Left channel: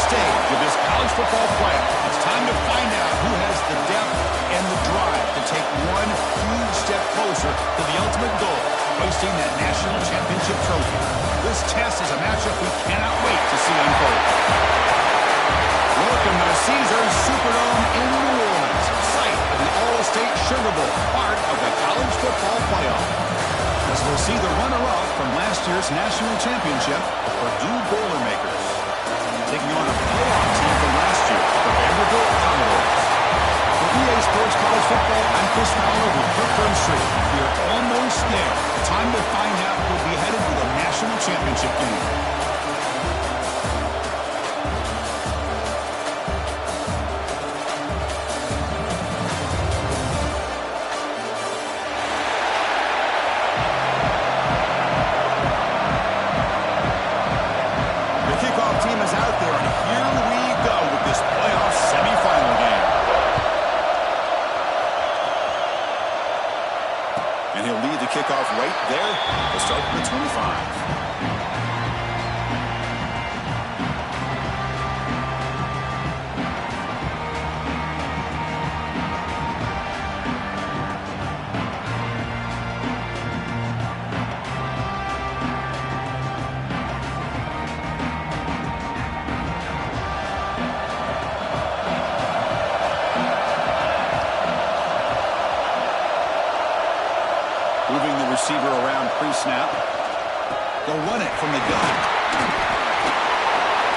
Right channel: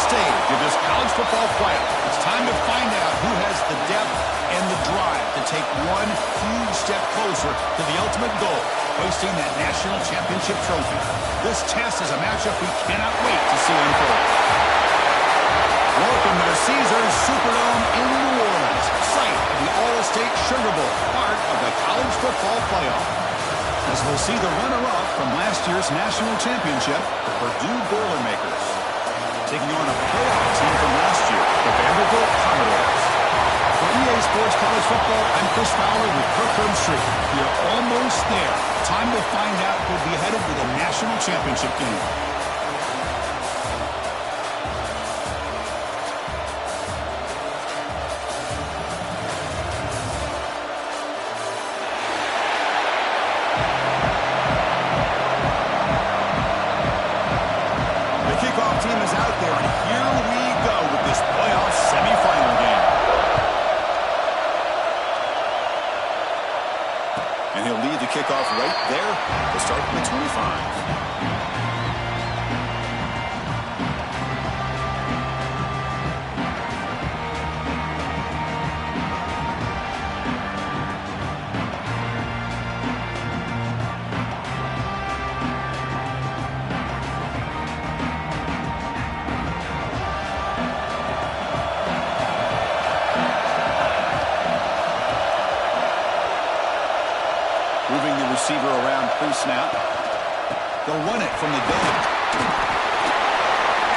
stage of this college football playoff. It's time to find out who has the depth and the drive to take one huge step closer to the ultimate goal, hoisting that national championship trophy. This test is a matchup we cannot wait to see unfold. Welcome to the Caesars Superdome in New Orleans, site of the All-State Sugar Bowl, part of the college football playoff. As we'll see the runner-up from last year's national championship, the Purdue Boilermakers, taking on a playoff team from last year, the Vanderbilt Commodores. For EA Sports College Football, I'm Chris Fowler with Kirk Street. We are almost there. Time to find out who'll be headed to the national championship game. Team is out there, and here we go with this playoff semifinal game. And he'll lead the kickoff right there to start with the 25. Moving the receiver around pre-snap. They'll run it from the gun.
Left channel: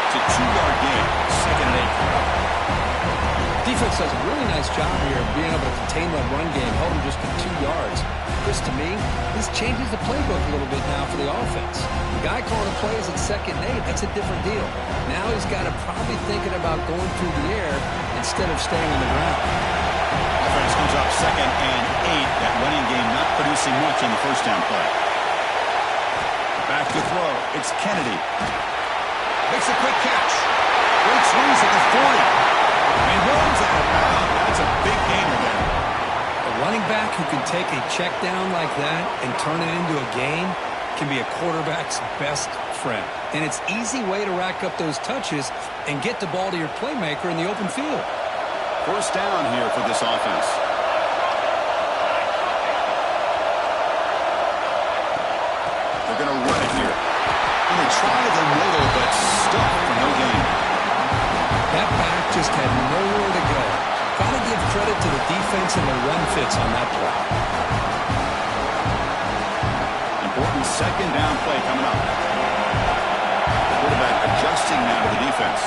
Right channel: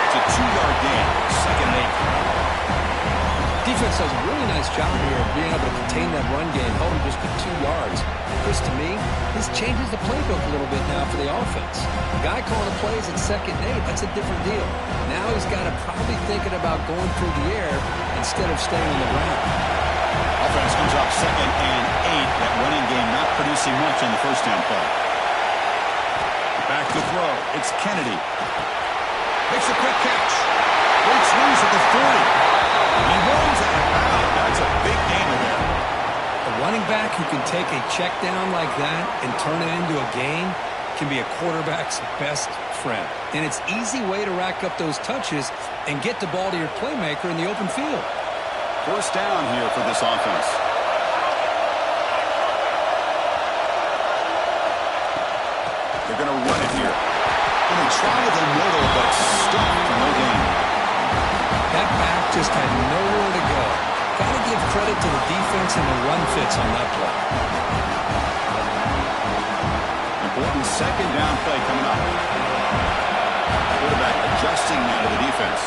It's a 2-yard gain. 2nd and 8. Defense does a really nice job here of being able to contain that run game. Held him just to 2 yards. Chris, to me, this changes the playbook a little bit now for the offense. The guy calling the plays at 2nd and 8, that's a different deal. Now he's got to probably thinking about going through the air instead of staying on the ground. Offense comes up 2nd and 8. That running game not producing much on the first down play. Back to throw. It's Kennedy. Makes a quick catch. Breaks loose at the 40. And runs out of bounds. That's a big gainer there. A running back who can take a check down like that and turn it into a gain can be a quarterback's best friend. And it's an easy way to rack up those touches and get the ball to your playmaker in the open field. First down here for this offense. They're going to run it here. Going to try the middle, but stuck for no gain. That back just had nowhere to go. Got to give credit to the defense and the run fits on that play. Important 2nd down play coming up. Quarterback adjusting now to the defense.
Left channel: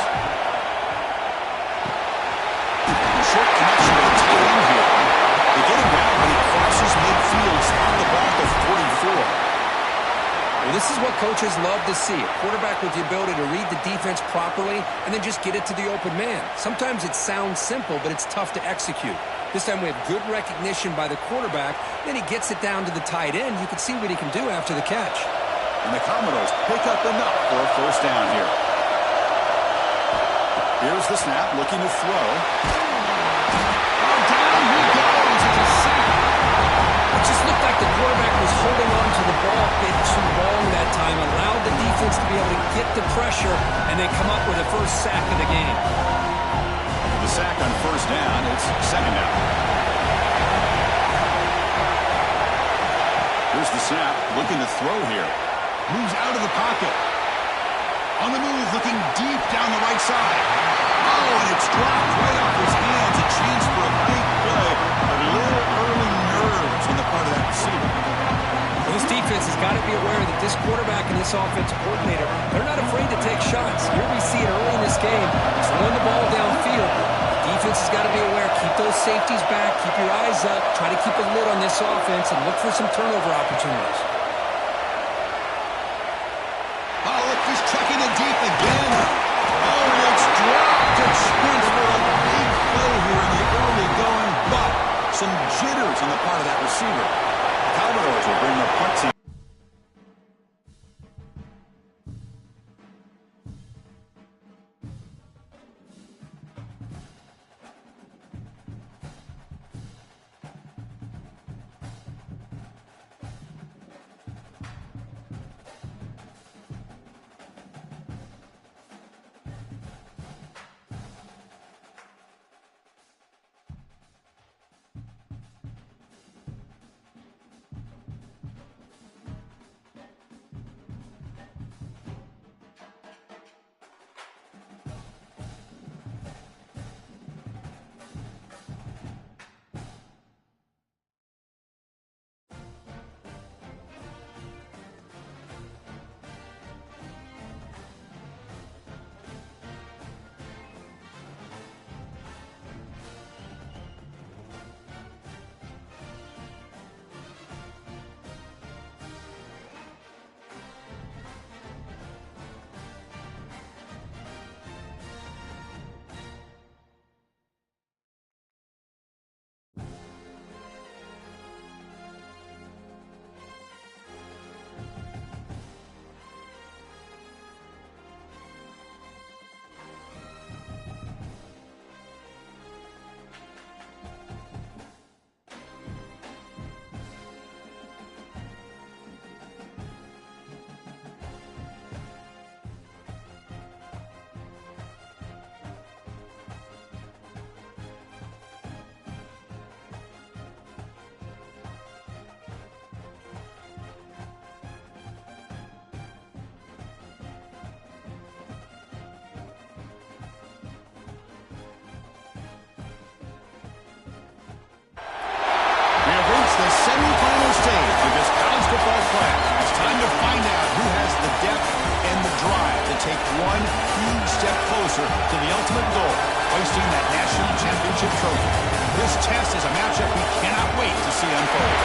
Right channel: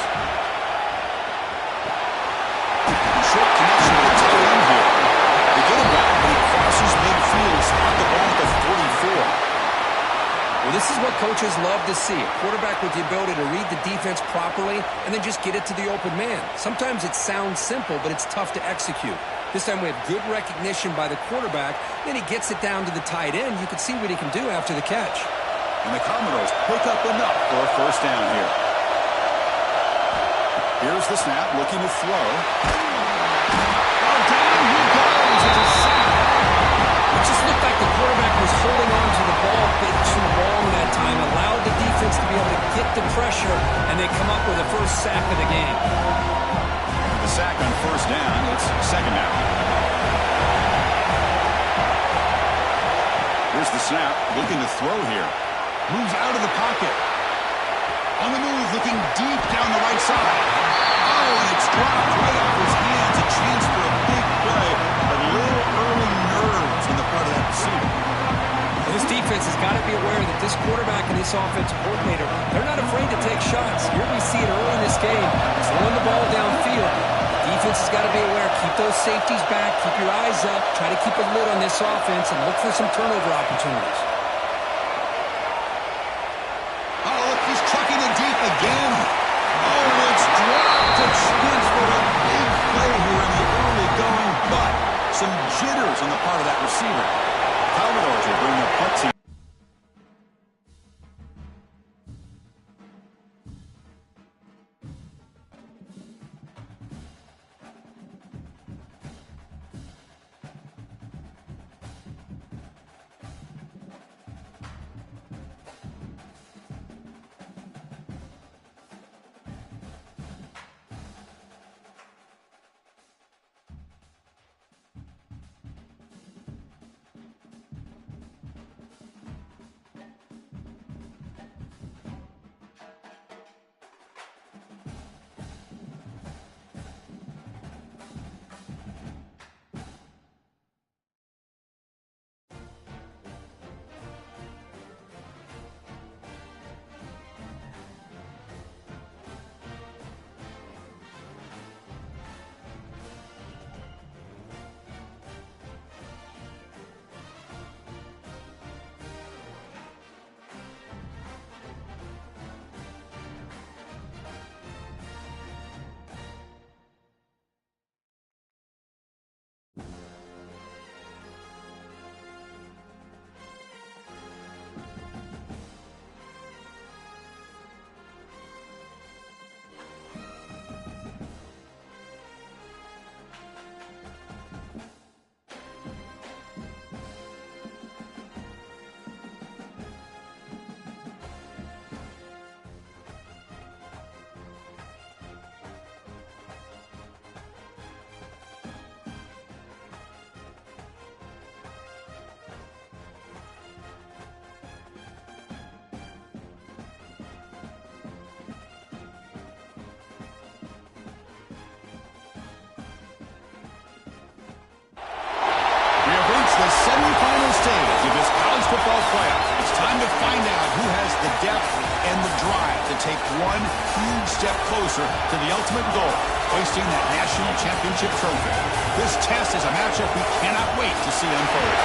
Short connection with the tight end here. They get him down, but he crosses midfield, spot the ball at the 44. Well, this is what coaches love to see. A quarterback with the ability to read the defense properly and then just get it to the open man. Sometimes it sounds simple, but it's tough to execute. This time we have good recognition by the quarterback. Then he gets it down to the tight end. You can see what he can do after the catch. And the Commodores pick up enough for a first down here. Here's the snap, looking to throw. Down he goes. It's a sack. It just looked like the quarterback was holding on to the ball a bit too long that time, allowed the defense to be able to get the pressure, and they come up with the first sack of the game. After the sack on first down, it's 2nd down. Here's the snap, looking to throw here. Moves out of the pocket. On the move, looking deep down the right side. Oh, and it's dropped right off his hands. A chance for a big play, but a little early nerves on the part of that receiver. Well, this defense has got to be aware that this quarterback and this offensive coordinator, they're not afraid to take shots. Here we see it early in this game, throwing the ball downfield. The defense has got to be aware. Keep those safeties back. Keep your eyes up. Try to keep a lid on this offense and look for some turnover opportunities. Oh, look, he's trucking it deep again. Oh, and it's dropped. A chance for a big play here in the early going, but some jitters on the part of that receiver. Commodores will bring their punt team. the semifinal stage of this college football playoff. It's time to find out who has the depth and the drive to take one huge step closer to the ultimate goal, hoisting that national championship trophy. This test is a matchup we cannot wait to see unfold.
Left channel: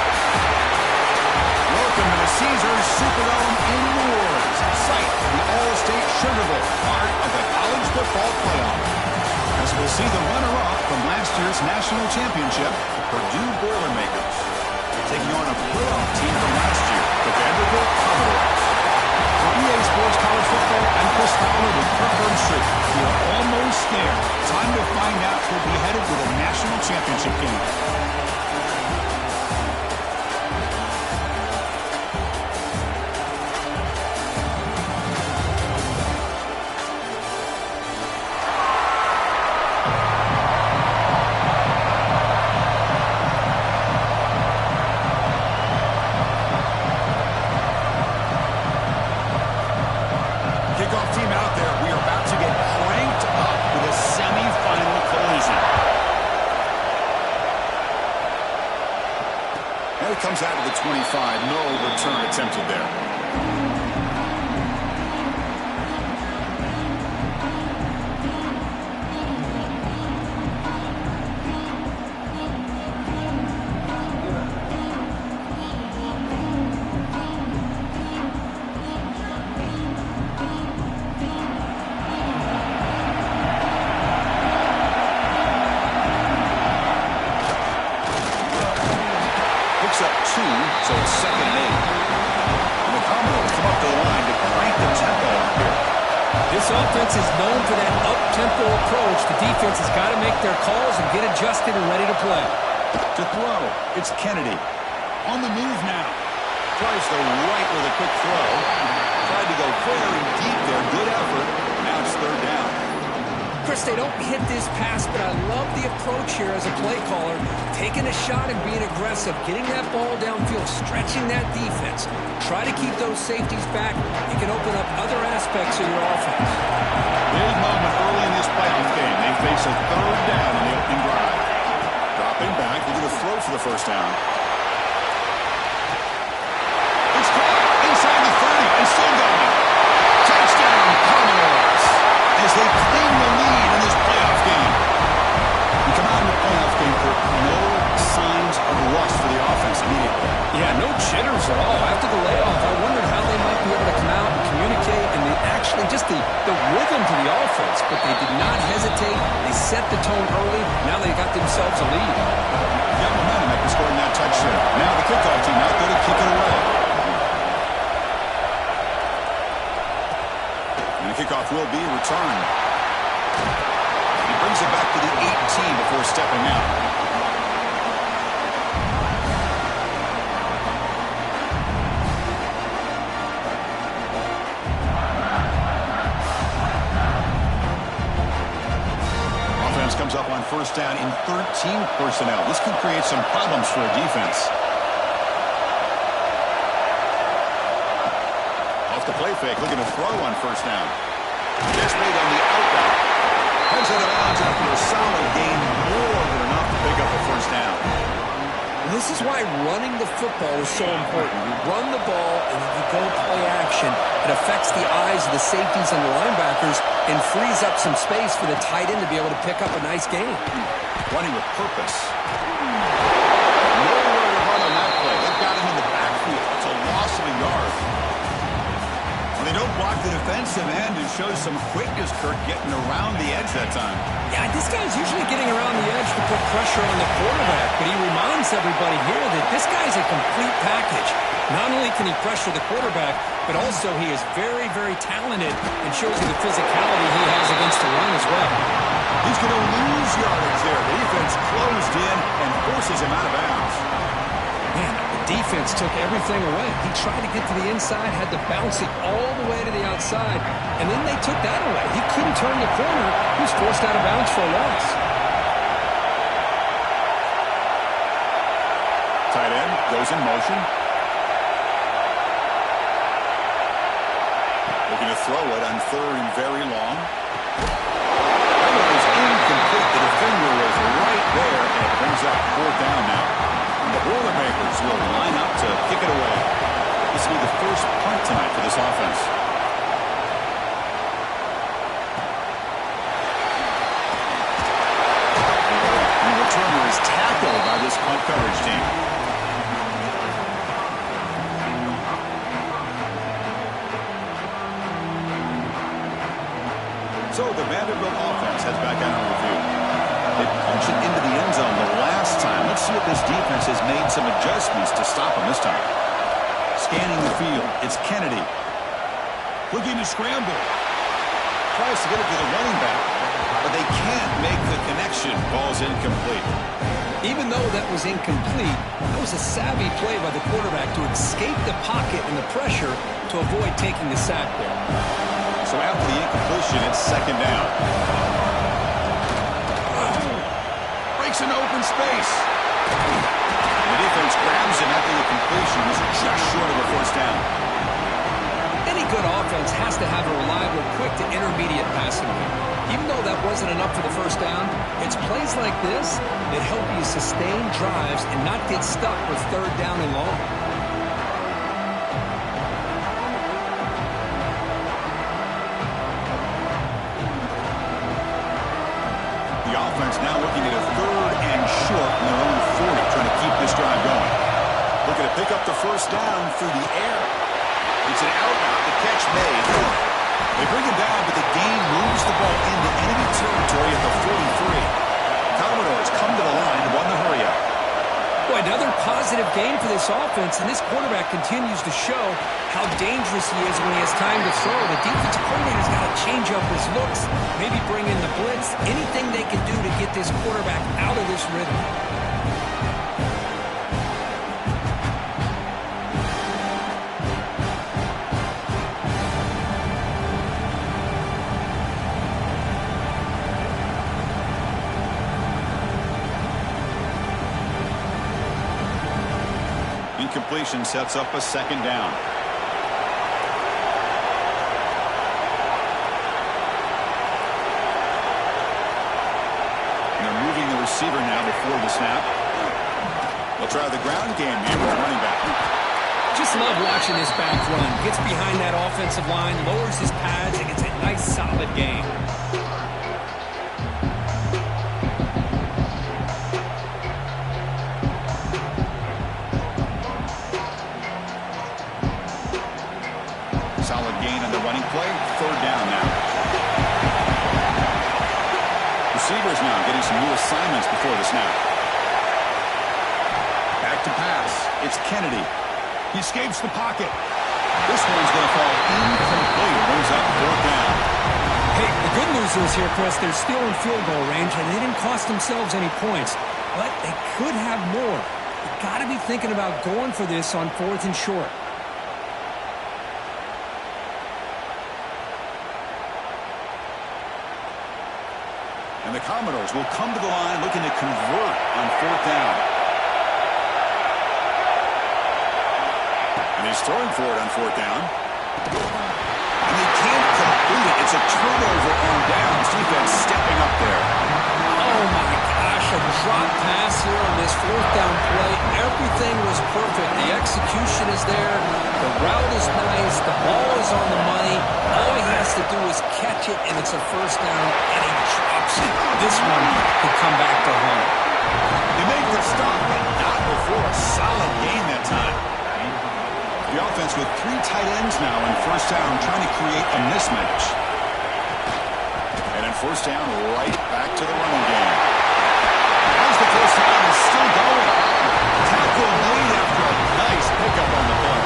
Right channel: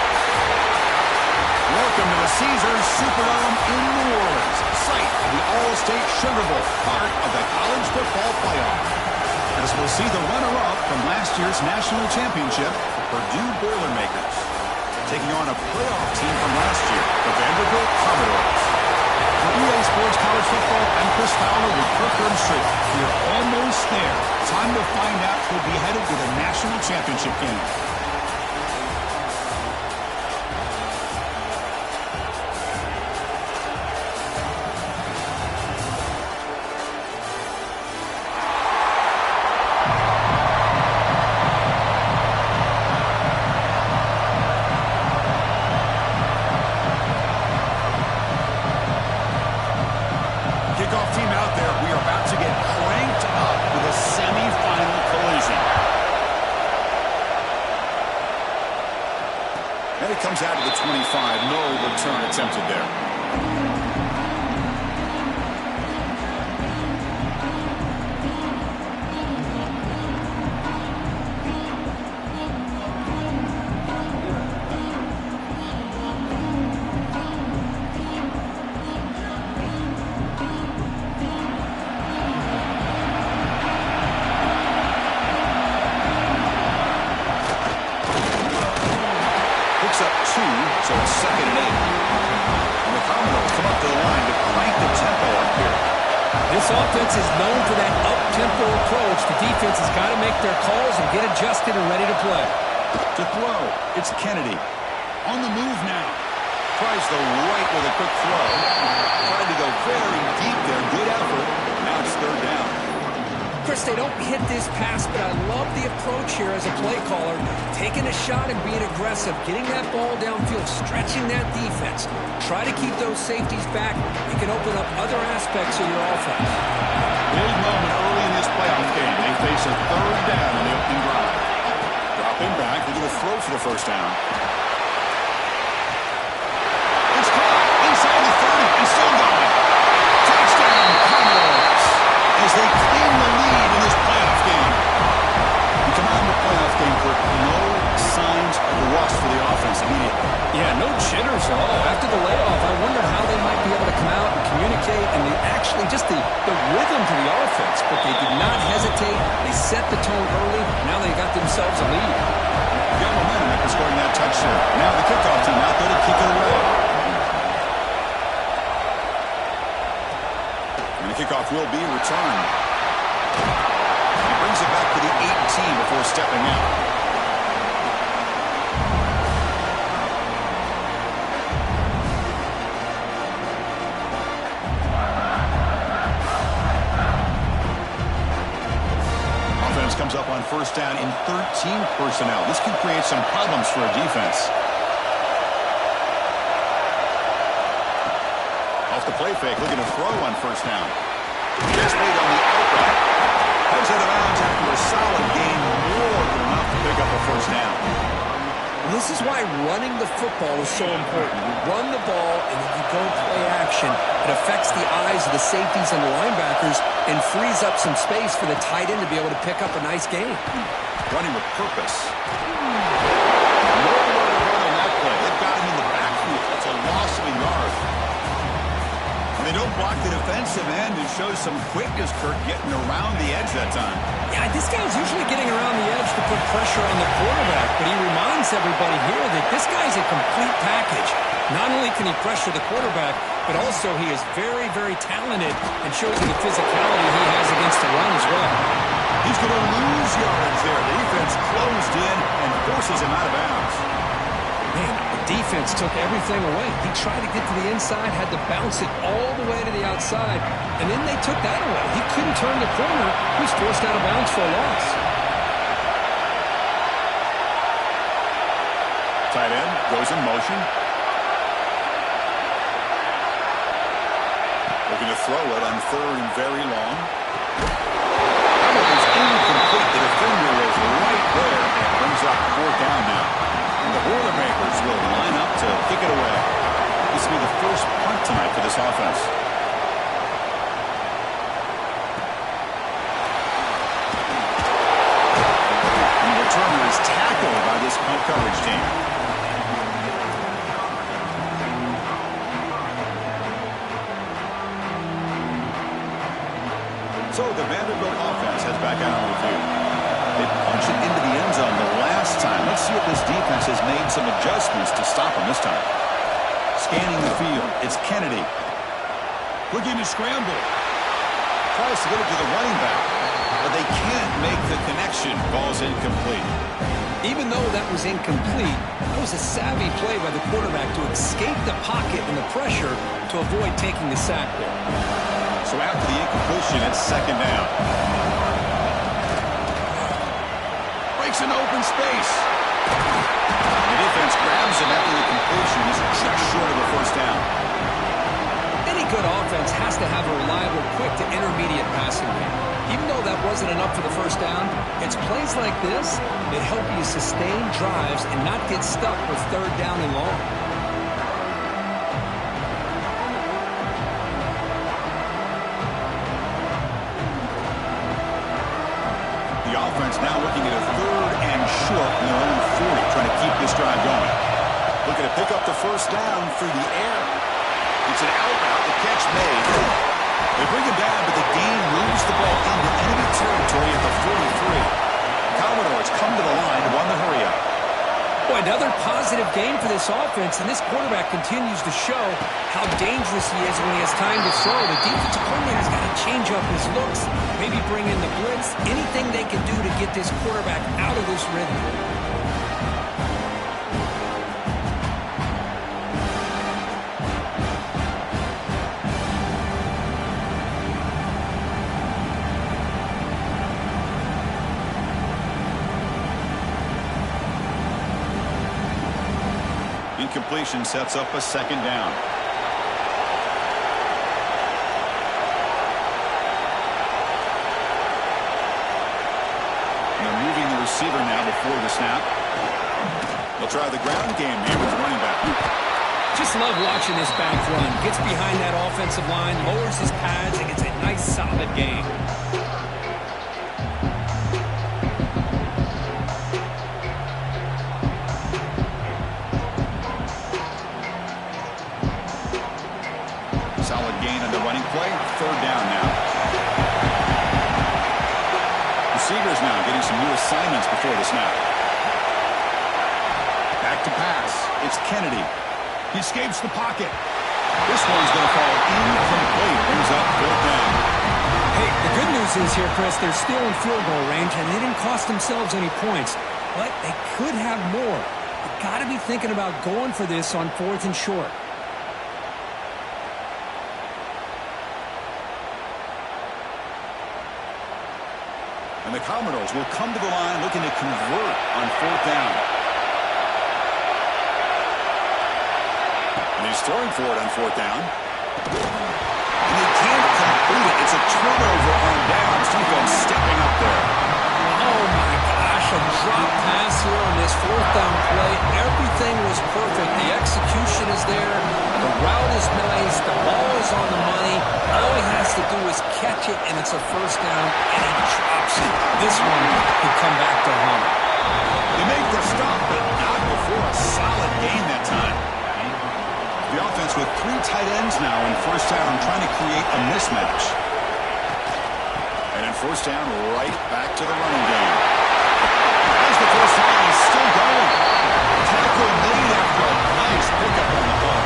Welcome to the Caesars Superdome in New Orleans, site of the All-State Sugar Bowl, part of the college football playoff. As we'll see the runner-up from last year's national championship, the Purdue Boilermakers, taking on a playoff team from last year, the Vanderbilt Commodores. For EA Sports College Football, I'm Chris Fowler with Kirk Herbstreit. We are almost there. Time to find out who'll be headed to the national championship game. Kickoff team out there. We are about to get cranked up with a semifinal collision. And it comes out to the 25. No return attempted there. Picks up 2, so it's 2nd and 8. And the Commodores come up to the line to crank the tempo up here. This offense is known for that up-tempo approach. The defense has got to make their calls and get adjusted and ready to play. To throw, it's Kennedy. On the move now. Tries the right with a quick throw. Tried to go very deep there. Good effort. Now it's 3rd down. Chris, they don't hit this pass, but I love the approach here as a play caller. Taking a shot and being aggressive, getting that ball downfield, stretching that defense. Try to keep those safeties back. It can open up other aspects of your offense. Big moment early in this playoff game. They face a 3rd down on the opening drive. Dropping back, looking to throw for the 1st down. It's caught inside the 30 and still going. Touchdown, Commodores, as they claim the lead in this playoff game. We come out in the playoff game, Kirk, no signs of rust for the offense immediately. Yeah, no jitters at all. After the layoff, I wondered how they might be able to come out and communicate and just the rhythm to the offense, but they did not hesitate. They set the tone early. Now they got themselves a lead. Got momentum after scoring that touchdown. Now the kickoff team out there to kick it away. And the kickoff will be returned. He brings it back to the 18 before stepping out. Offense comes up on 1st down in 13 personnel. This can create some problems for a defense. Off the play fake, looking to throw on 1st down. Just made on the out route. Heads out of bounds after a solid gain, more than enough to pick up a 1st down. Well, this is why running the football is so important. You run the ball and then you go play action. It affects the eyes of the safeties and the linebackers and frees up some space for the tight end to be able to pick up a nice game. Running with purpose. Nowhere to run on that play. They've got him in the backfield. That's a loss of a yard. When they don't block the defensive end, it shows some quickness, Kirk, getting around the edge that time. Yeah, this guy's usually getting around the edge to put pressure on the quarterback, but he reminds everybody here that this guy's a complete package. Not only can he pressure the quarterback, but also he is very, very talented and shows you the physicality he has against the run as well. He's going to lose yardage there. The defense closed in and forces him out of bounds. Man, the defense took everything away. He tried to get to the inside, had to bounce it all the way to the outside, and then they took that away. He couldn't turn the corner. He was forced out of bounds for a loss. Tight end goes in motion. Looking to throw it on 3rd and very long. That one is incomplete. The defender was right there, and it brings up 4th down now. And the Boilermakers will line up to kick it away. This will be the first punt tonight for this offense. And the returner is tackled by this punt coverage team. So the Vanderbilt offense heads back out on review. They punch it into the end zone the last time. Let's see if this defense has made some adjustments to stop them this time. Scanning the field, it's Kennedy. Looking to scramble. Tries to get it to the running back, but they can't make the connection. Ball's incomplete. Even though that was incomplete, that was a savvy play by the quarterback to escape the pocket and the pressure to avoid taking the sack there. So after the incompletion, it's second down. Breaks an open space. The defense grabs him after the completion. Is just short of a first down. Any good offense has to have a reliable, quick to intermediate passing game. Even though that wasn't enough for the first down, it's plays like this that help you sustain drives and not get stuck with third down and long. The offense now looking at a third and short in their own 40, trying to keep this drive going. Looking to pick up the first down through the air. It's an out route, the catch made. They bring him down, but the gain moves the ball into enemy territory at the 43. Commodores come to the line to run the hurry-up. Boy, another positive game for this offense, and this quarterback continues to show how dangerous he is when he has time to throw. The defensive coordinator's got to change up his looks, maybe bring in the blitz, anything they can do to get this quarterback out of this rhythm. Incompletion sets up a second down. And they're moving the receiver now before the snap. They'll try the ground game here with the running back. Just love watching this back run. Gets behind that offensive line, lowers his pads, and gets a nice solid gain. Solid gain on the running play. Third down now. Receivers now getting some new assignments before the snap. Back to pass. It's Kennedy. He escapes the pocket. This one's going to fall incomplete. Brings up fourth down. Hey, the good news is here, Chris, they're still in field goal range, and they didn't cost themselves any points. But they could have more. You got to be thinking about going for this on fourth and short. And the Commodores will come to the line looking to convert on fourth down. And he's throwing for it on fourth down. And they can't complete it. It's a turnover on downs. Defense stepping up there. Oh, my gosh, a drop pass here on this fourth down play. Everything was perfect. The execution is there. The route is nice. The ball is on the money. All he has to do is catch it, and it's a first down, and he drops it. This one could come back to home. They make the stop, but not before a solid gain that time. The offense with three tight ends now in first down, trying to create a mismatch. And in first down, right back to the running game. As the first down is still going. Tackle made after a nice pickup on the ball.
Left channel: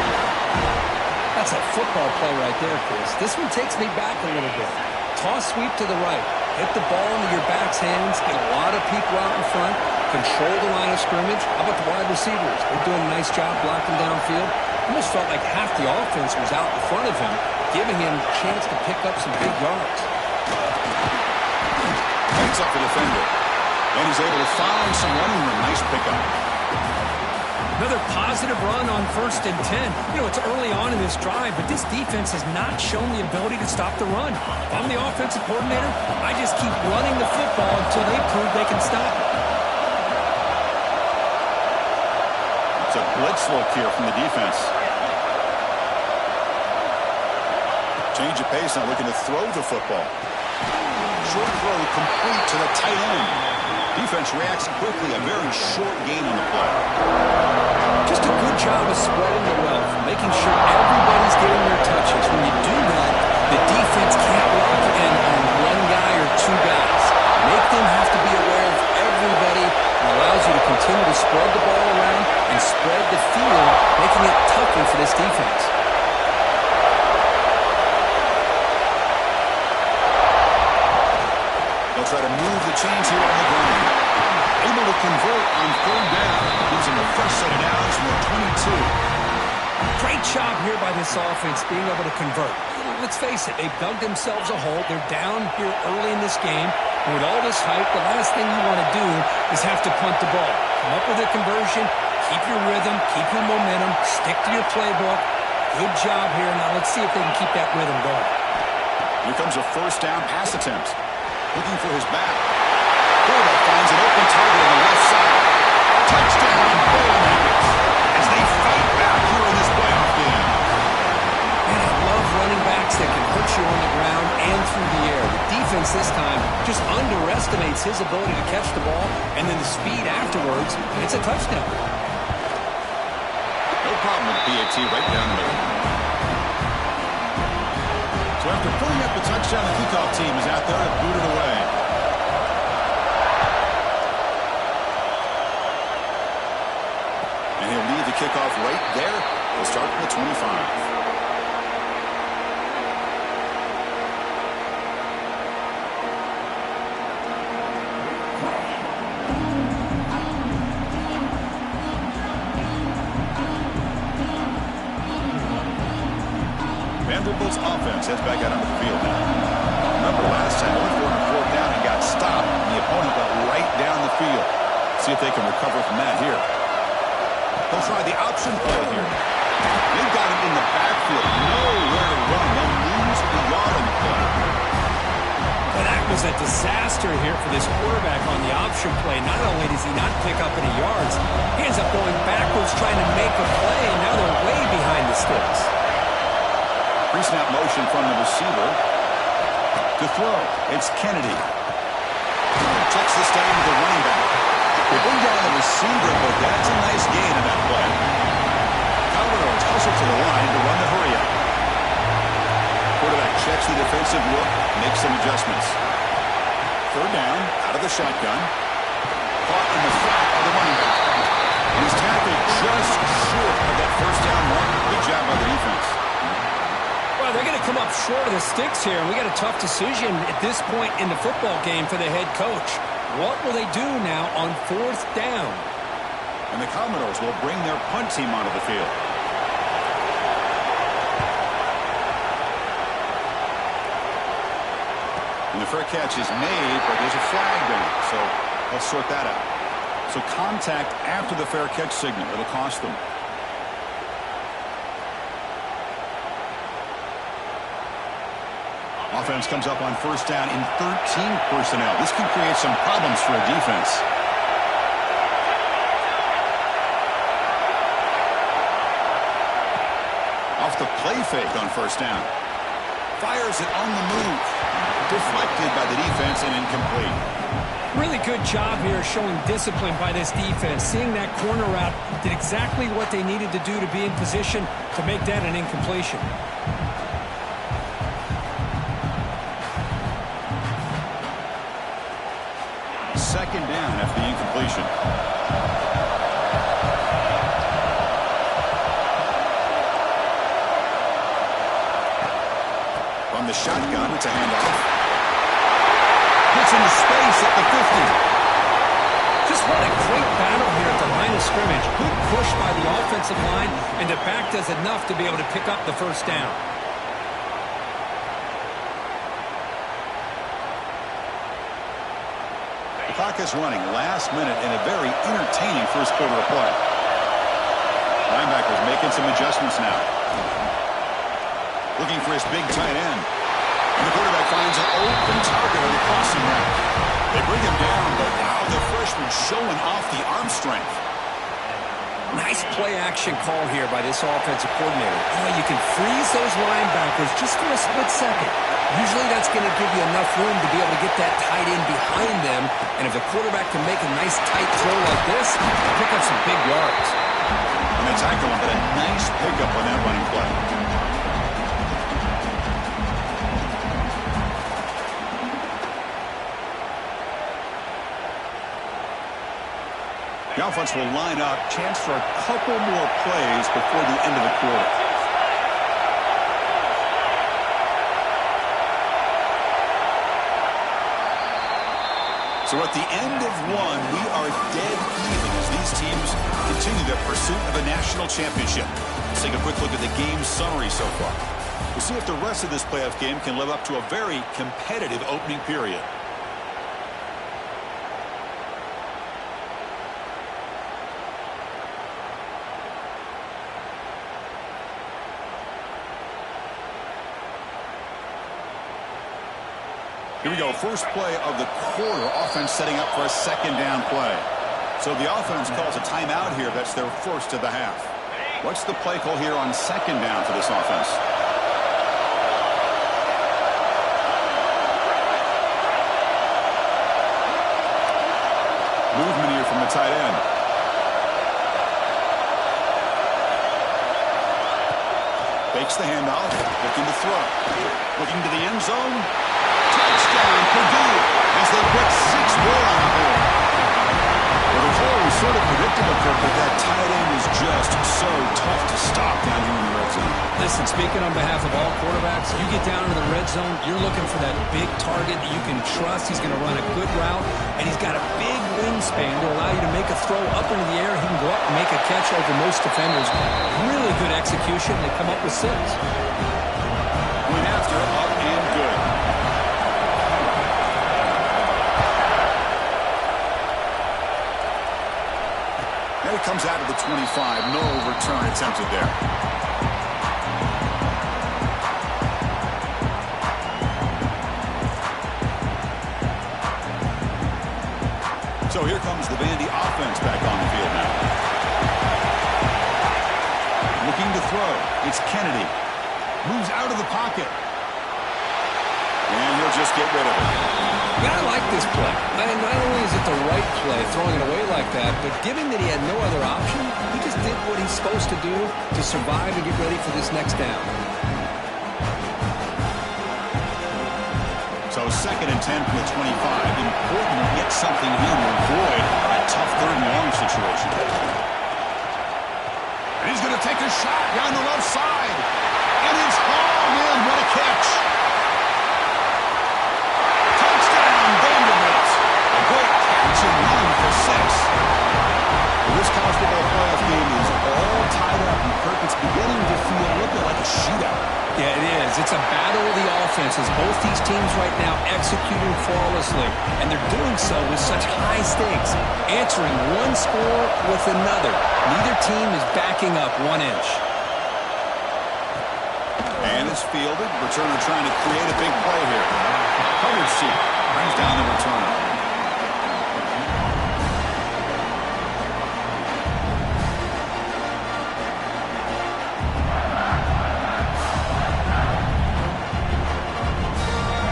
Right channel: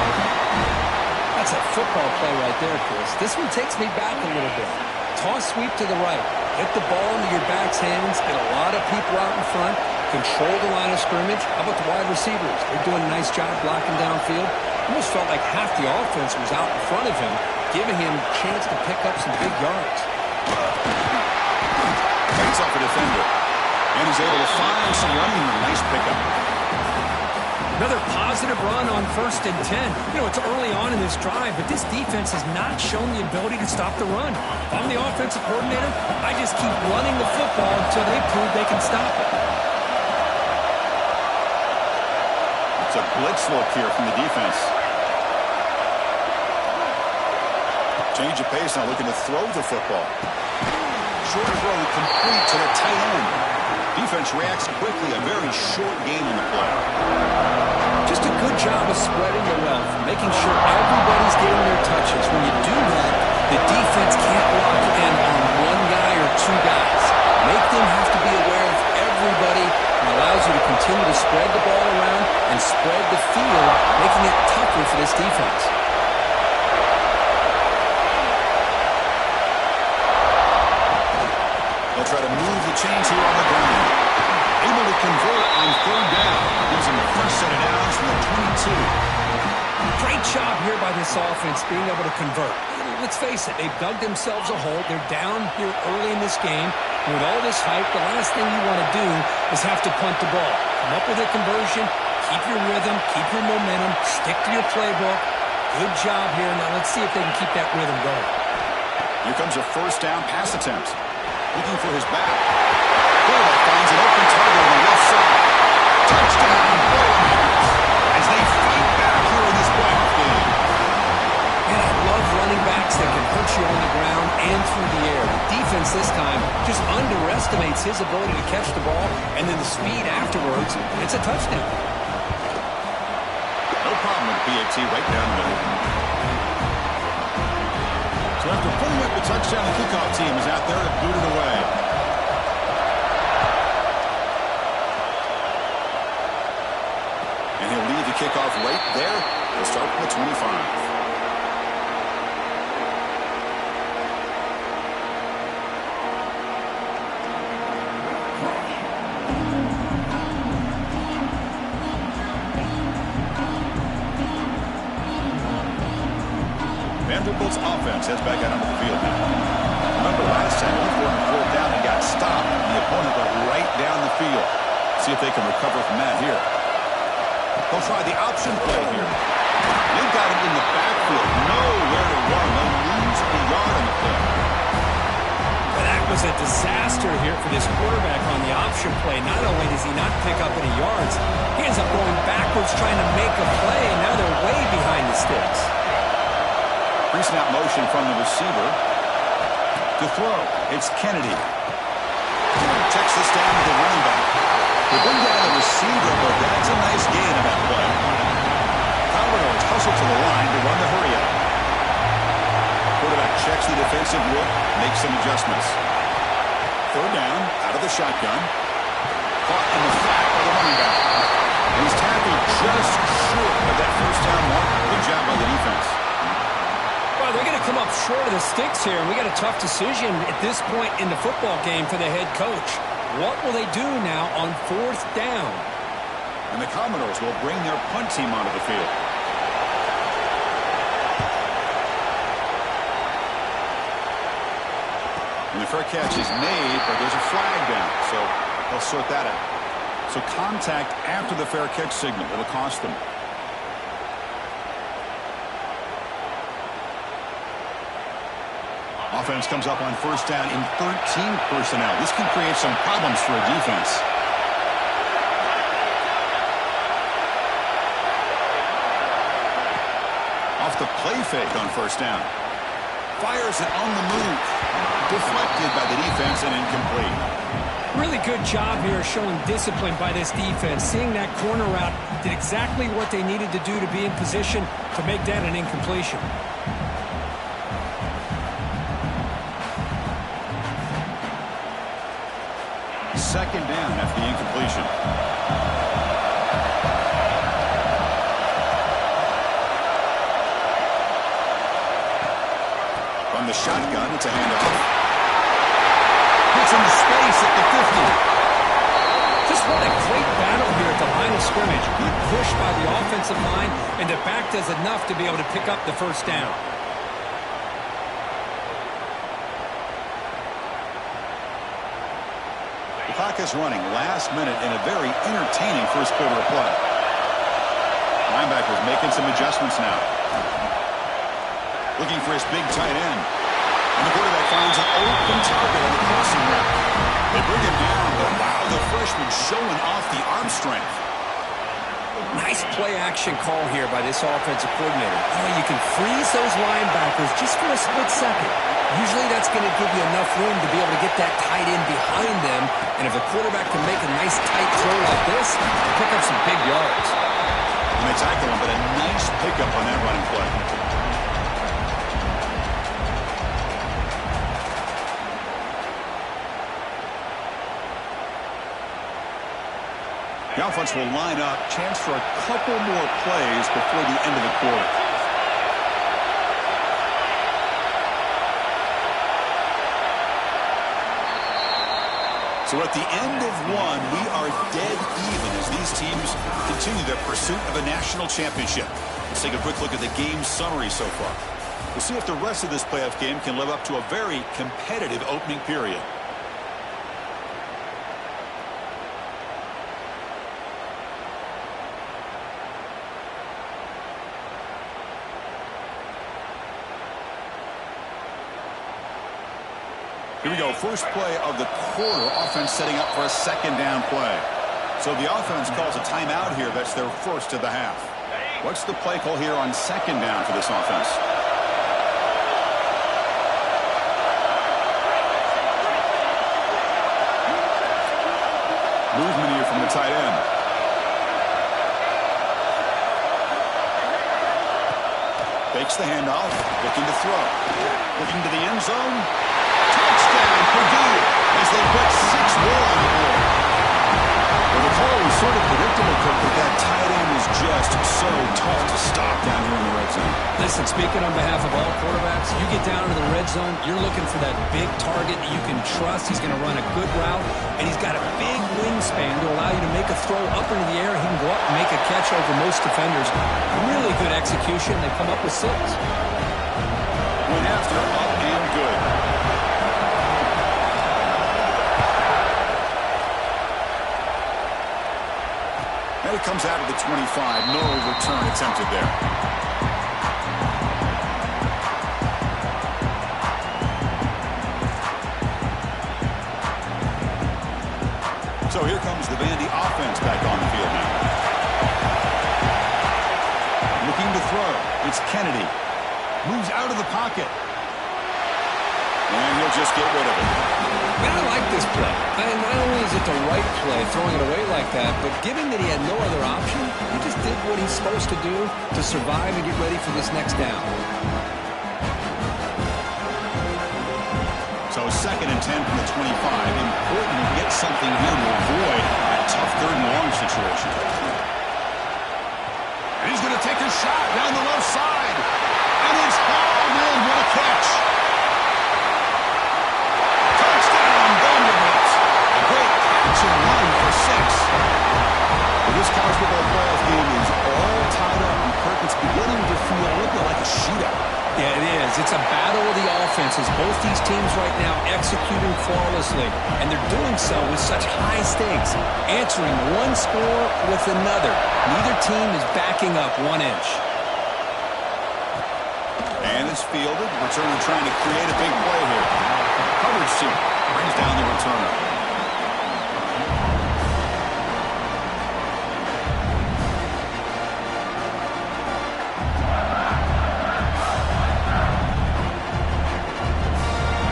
That's a football play right there, Chris. This one takes me back a little bit. Toss sweep to the right. Hit the ball into your back's hands. Get a lot of people out in front. Control the line of scrimmage. How about the wide receivers? They're doing a nice job blocking downfield. Almost felt like half the offense was out in front of him, giving him a chance to pick up some big yards. Fights off a defender. And he's able to find some running room. Nice pickup. Another positive run on 1st and 10. You know, it's early on in this drive, but this defense has not shown the ability to stop the run. If I'm the offensive coordinator, I just keep running the football until they prove they can stop it. It's a blitz look here from the defense. Change of pace, now looking to throw the football. Short throw complete to the tight end. Defense reacts quickly. A very short gain on the play. Just a good job of spreading the wealth, making sure everybody's getting their touches. When you do that, the defense can't lock in on one guy or two guys. Make them have to be aware of everybody, and allows you to continue to spread the ball around and spread the field, making it tougher for this defense. They'll try to move the chains here on the ground. Able to convert on third down. Gives them a fresh set of downs from the 22. Great job here by this offense being able to convert. Let's face it, they've dug themselves a hole. They're down here early in this game. And with all this hype, the last thing you want to do is have to punt the ball. Come up with a conversion, keep your rhythm, keep your momentum, stick to your playbook. Good job here. Now let's see if they can keep that rhythm going. Here comes a first down pass attempt. Looking for his back. Quarterback finds an open target on the left side. Touchdown, Boilermakers, as they fight back here in this playoff game. And I love running backs that can hurt you on the ground and through the air. The defense this time just underestimates his ability to catch the ball, and then the speed afterwards, it's a touchdown. No problem with the PAT right down the middle. So after putting up the touchdown, the kickoff team is out there to boot it away. And he'll lead the kickoff right there. He'll start from the 25. Vanderbilt's offense heads back out onto the field now. Remember last time, only 4th down and got stopped, and the opponent went right down the field. See if they can recover from that here. They'll try the option play here. They've got him in the backfield. Nowhere to run. They'll lose a yard on the play. Well, that was a disaster here for this quarterback on the option play. Not only does he not pick up any yards, he ends up going backwards trying to make a play, and now they're way behind the sticks. Pre-snap motion from the receiver. To throw, it's Kennedy. Checks this down to the running back. They bring down the receiver, but that's a nice gain on that play. Commodores hustle to the line to run the hurry-up. Quarterback checks the defensive look, makes some adjustments. Third down, out of the shotgun. Caught in the flat by the running back. And he's tackled just short of that first down mark. Good job by the defense. Well, they're going to come up short of the sticks here, and we got a tough decision at this point in the football game for the head coach. What will they do now on 4th down? And the Commodores will bring their punt team onto the field. And the fair catch is made, but there's a flag down, so let's sort that out. So contact after the fair catch signal. It'll cost them. Offense comes up on first down in 13 personnel. This can create some problems for a defense. Off the play fake on first down. Fires it on the move. Deflected by the defense and incomplete. Really good job here showing discipline by this defense. Seeing that corner route, did exactly what they needed to do to be in position to make that an incompletion. Second down after the incompletion. From the shotgun, it's a handoff. Gets into space at the 50. Just what a great battle here at the line of scrimmage. Good push by the offensive line, and the back does enough to be able to pick up the first down. The clock is running last minute in a very entertaining first quarter of play. Linebackers making some adjustments now. Looking for his big tight end. And the quarterback finds an open target on the crossing route. They bring him down, but wow, the freshman showing off the arm strength. Nice play action call here by this offensive coordinator. Oh, you can freeze those linebackers just for a split second. Usually that's going to give you enough room to be able to get that tight end behind them. And if the quarterback can make a nice tight throw like this, pick up some big yards. And they tackle him, but a nice pickup on that running play. The offense will line up. Chance for a couple more plays before the end of the quarter. So at the end of one, we are dead even as these teams continue their pursuit of a national championship. Let's take a quick look at the game summary so far. We'll see if the rest of this playoff game can live up to a very competitive opening period. Here we go, first play of the quarter. Offense setting up for a second down play. So the offense calls a timeout here. That's their first of the half. What's the play call here on second down for this offense? Movement here from the tight end. Fakes the handoff, looking to throw. Looking to the end zone. Touchdown, Purdue, as they put 6 more on the board. Well, the call was sort of predictable, Kirk, but that tight end is just so tough to stop down here in the red zone. Listen, speaking on behalf of all quarterbacks, you get down into the red zone, you're looking for that big target that you can trust. He's going to run a good route, and he's got a big wingspan to allow you to make a throw up into the air. He can go up and make a catch over most defenders. Really good execution. They come up with 6. Went after, up and good. And it comes out of the 25. No return attempted there. So here comes the Vandy offense back on the field now. Looking to throw. It's Kennedy. Moves out of the pocket. And he'll just get rid of it. Man, I like this play. And not only is it the right play, throwing it away like that, but given that he had no other option, he just did what he's supposed to do to survive and get ready for this next down. So 2nd and 10 from the 25. Important to get something here to avoid that tough 3rd and long situation. And he's going to take a shot down the left side. And it's hauled in. What a catch. Touchdown, Vanderbilt. A great catch and run for 6. Well, this college football playoff game is all tied up. And Kirk, it's beginning to feel a little bit like a shootout. Yeah, it is. It's a battle of the offenses. Both these teams right now executing flawlessly, and they're doing so with such high stakes, answering one score with another. Neither team is backing up 1 inch. And it's fielded. Returner trying to create a big play here. Coverage team brings down the returner.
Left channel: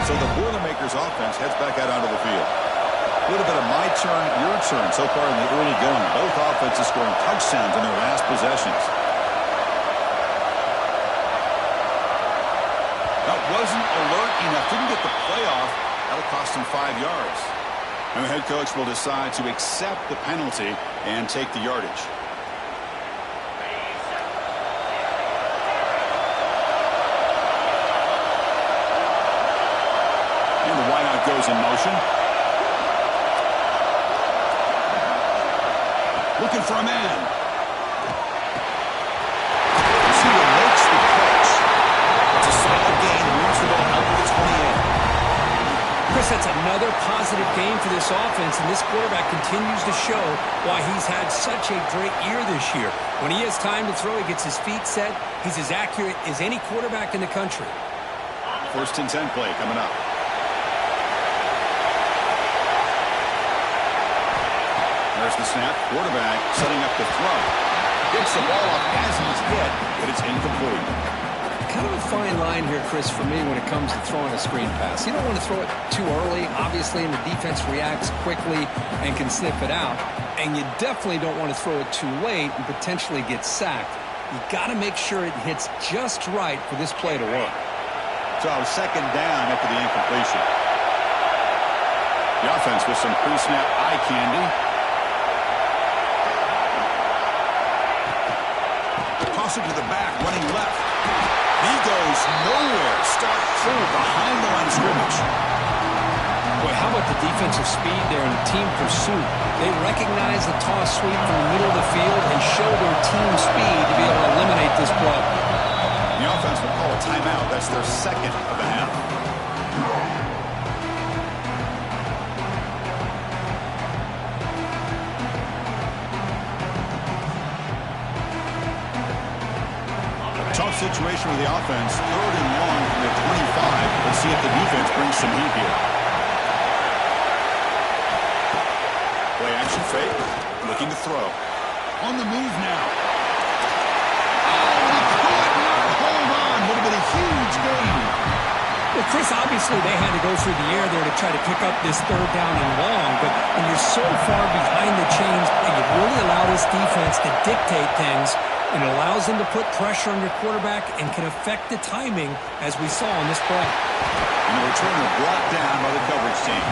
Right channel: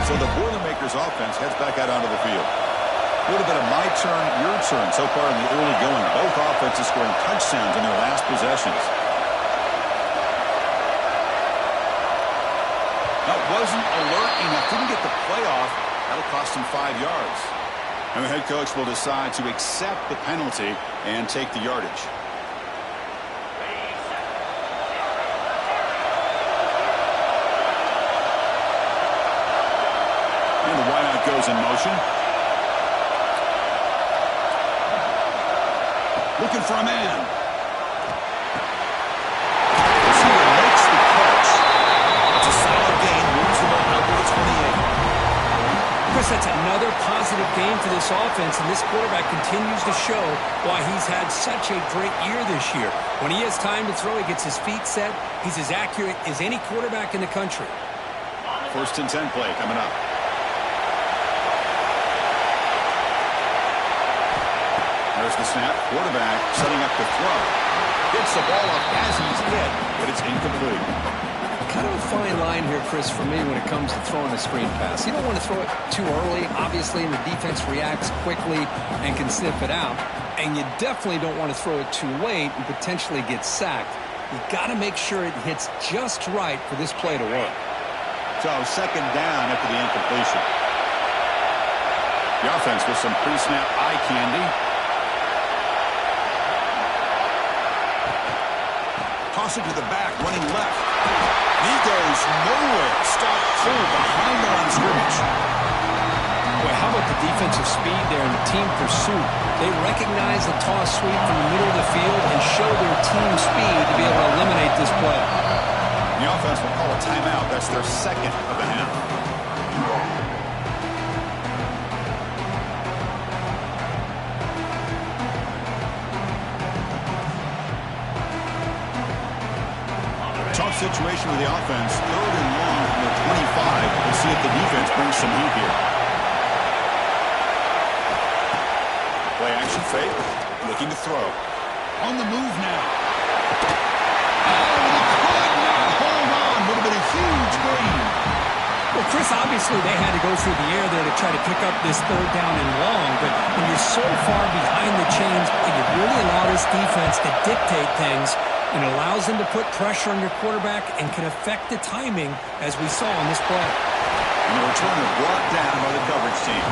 So the Boilermakers offense heads back out onto the field. A little bit of my turn, your turn so far in the early going. Both offenses scoring touchdowns in their last possessions. That wasn't alert enough. Didn't get the play off. That'll cost him 5 yards. And the head coach will decide to accept the penalty and take the yardage. And the wideout goes in motion. Looking for a man. Receiver makes the catch. It's a solid gain. Moves the ball out to the 28. Chris, that's another positive game for this offense, and this quarterback continues to show why he's had such a great year this year. When he has time to throw, he gets his feet set. He's as accurate as any quarterback in the country. 1st and 10 play coming up. There's the snap. Quarterback setting up the throw. Gets the ball up as he's hit, but it's incomplete. Kind of a fine line here, Chris, for me when it comes to throwing a screen pass. You don't want to throw it too early, obviously, and the defense reacts quickly and can sniff it out. And you definitely don't want to throw it too late and potentially get sacked. You got to make sure it hits just right for this play to work. So second down after the incompletion. The offense with some pre-snap eye candy. Toss it to the back, running left. He goes nowhere. Stopped cold behind the line of scrimmage. Boy, how about the defensive speed there and the team pursuit? They recognize the toss sweep from the middle of the field and show their team speed to be able to eliminate this play. The offense will call a timeout. That's their second of the half. Tough situation with the offense. Third and long from their 25. Let's see if the defense brings some heat here. Play action fake. Looking to throw. On the move now. Oh, he could not hold on. Would have been a huge gain. Well, Chris, obviously they had to go through the air there to try to pick up this third down and long, but when you're so far behind the chains, you really allow this defense to dictate things, and it allows them to put pressure on your quarterback and can affect the timing, as we saw on this play. And the returner brought down by the coverage team.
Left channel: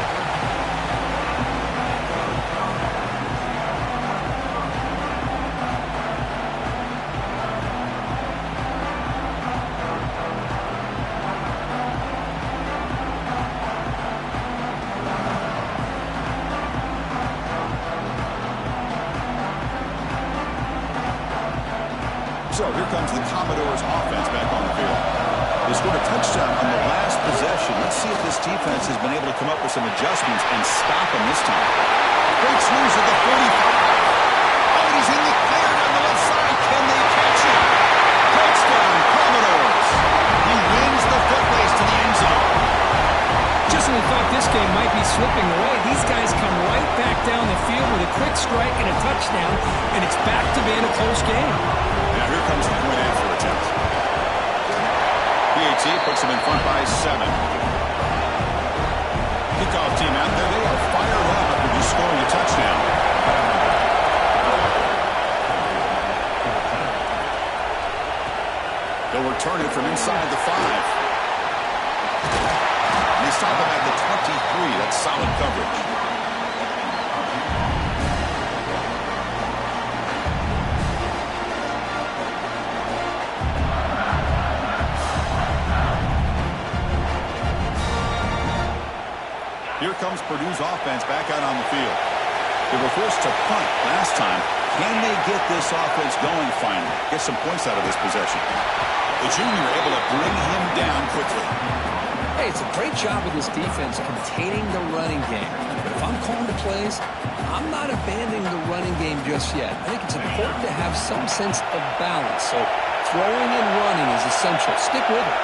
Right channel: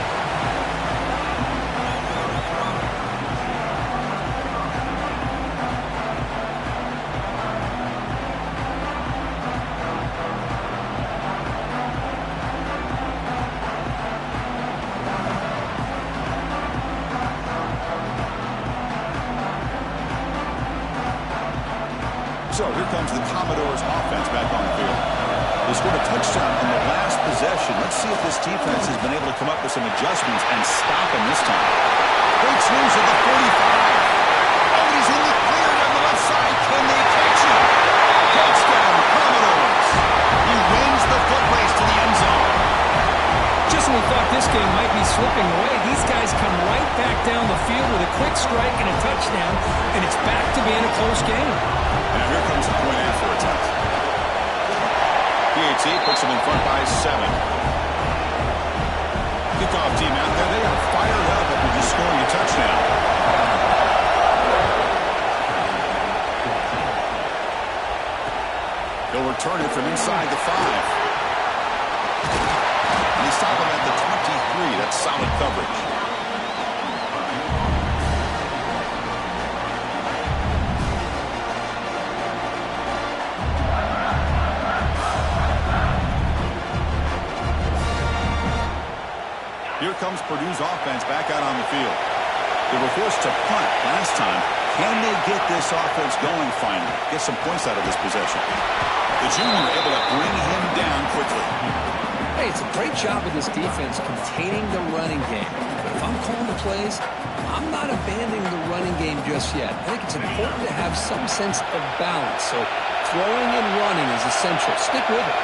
So here comes the Commodores offense back on the field. They scored a touchdown on the last possession. Let's see if this defense has been able to come up with some adjustments and stop them this time. Breaks loose at the 45. Oh, he's in the clear down the left side. Can they catch him? Touchdown, Commodores. He wins the foot race to the end zone. Just when we thought this game might be slipping away, these guys come right back down the field with a quick strike and a touchdown, and it's back to being a close game. Now here comes the point after attempt. PAT puts them in front by 7. Kickoff team out there. They are fired up after just scoring a touchdown. They'll return it from inside the 5. And they stop him at the 23. That's solid coverage. Here comes Purdue's offense back out on the field. They were forced to punt last time. Can they get this offense going finally? Get some points out of this possession. The junior able to bring him down quickly. Hey, it's a great job of this defense containing the running game. But if I'm calling the plays, I'm not abandoning the running game just yet. I think it's important to have some sense of balance. So throwing and running is essential. Stick with it.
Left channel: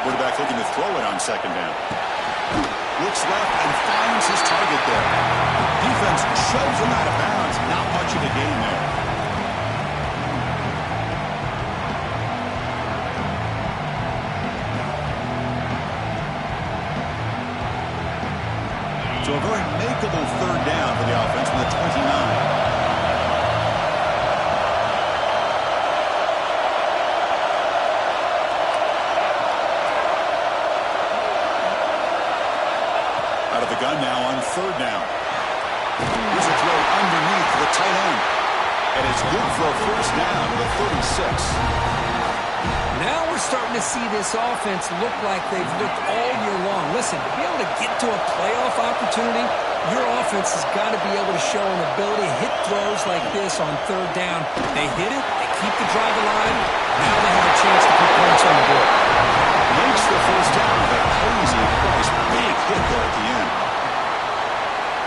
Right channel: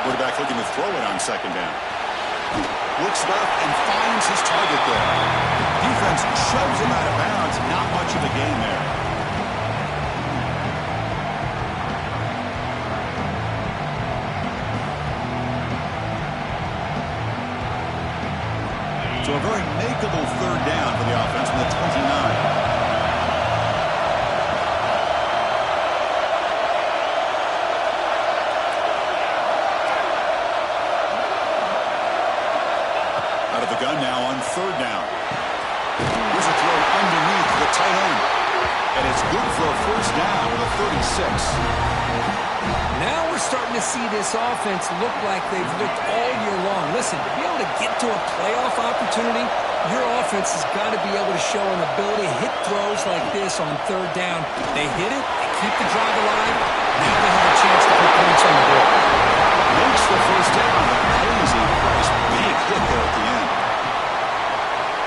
Quarterback looking to throw it on second down. Looks left and finds his target there. Defense shoves him out of bounds. Not much of a gain there. So a very makeable third down for the offense from the 29. Out of the gun now on third down. Here's a throw underneath the tight end. And it's good for a first down with a 36. Now we're starting to see this offense look like they've looked all year long. Listen, to be able to get to a playoff opportunity, your offense has got to be able to show an ability to hit throws like this on third down. They hit it, they keep the drive alive. Now they have a chance to put points on the board. Makes the first down, but pays a price. Big hit there at the end.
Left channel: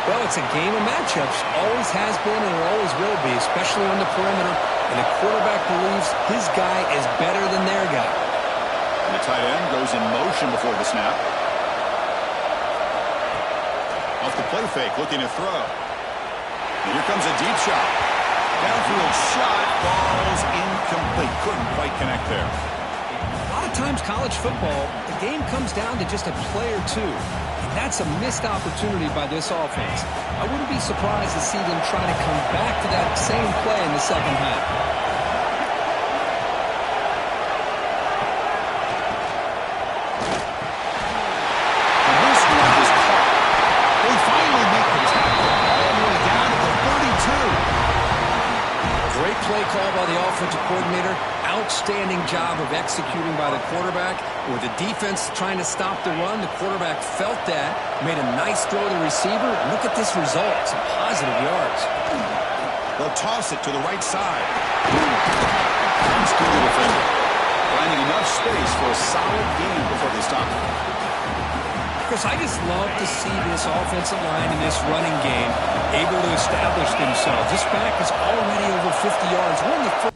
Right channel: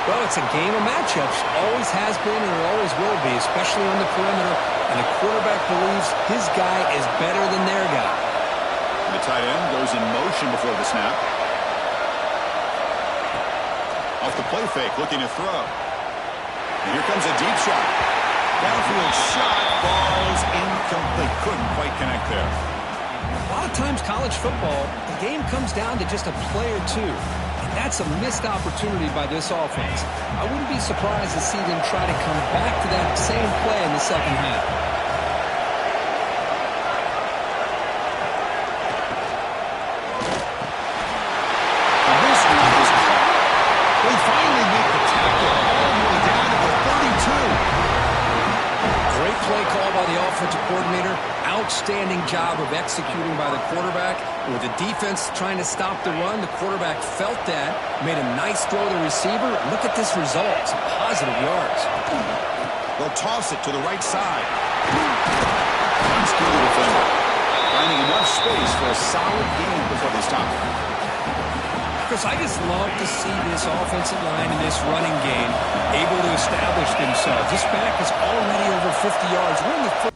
Well, it's a game of matchups. Always has been and it always will be, especially on the perimeter. And the quarterback believes his guy is better than their guy. And the tight end goes in motion before the snap. Off the play fake, looking to throw. And here comes a deep shot. Downfield shot, ball's incomplete. Couldn't quite connect there. A lot of times college football, the game comes down to just a play or two. And that's a missed opportunity by this offense. I wouldn't be surprised to see them try to come back to that same play in the second half. And this one is caught. They finally make the tackle all the way down to the 32. Great play call by the offensive coordinator. Outstanding job of executing by the quarterback. With the defense trying to stop the run, the quarterback felt that, made a nice throw to the receiver. Look at this result. Some positive yards. They'll toss it to the right side. Runs through the defender. Finding enough space for a solid gain before they stop. Chris, I just love to see this offensive line in this running game able to establish themselves. This back is already over 50 yards. We're in the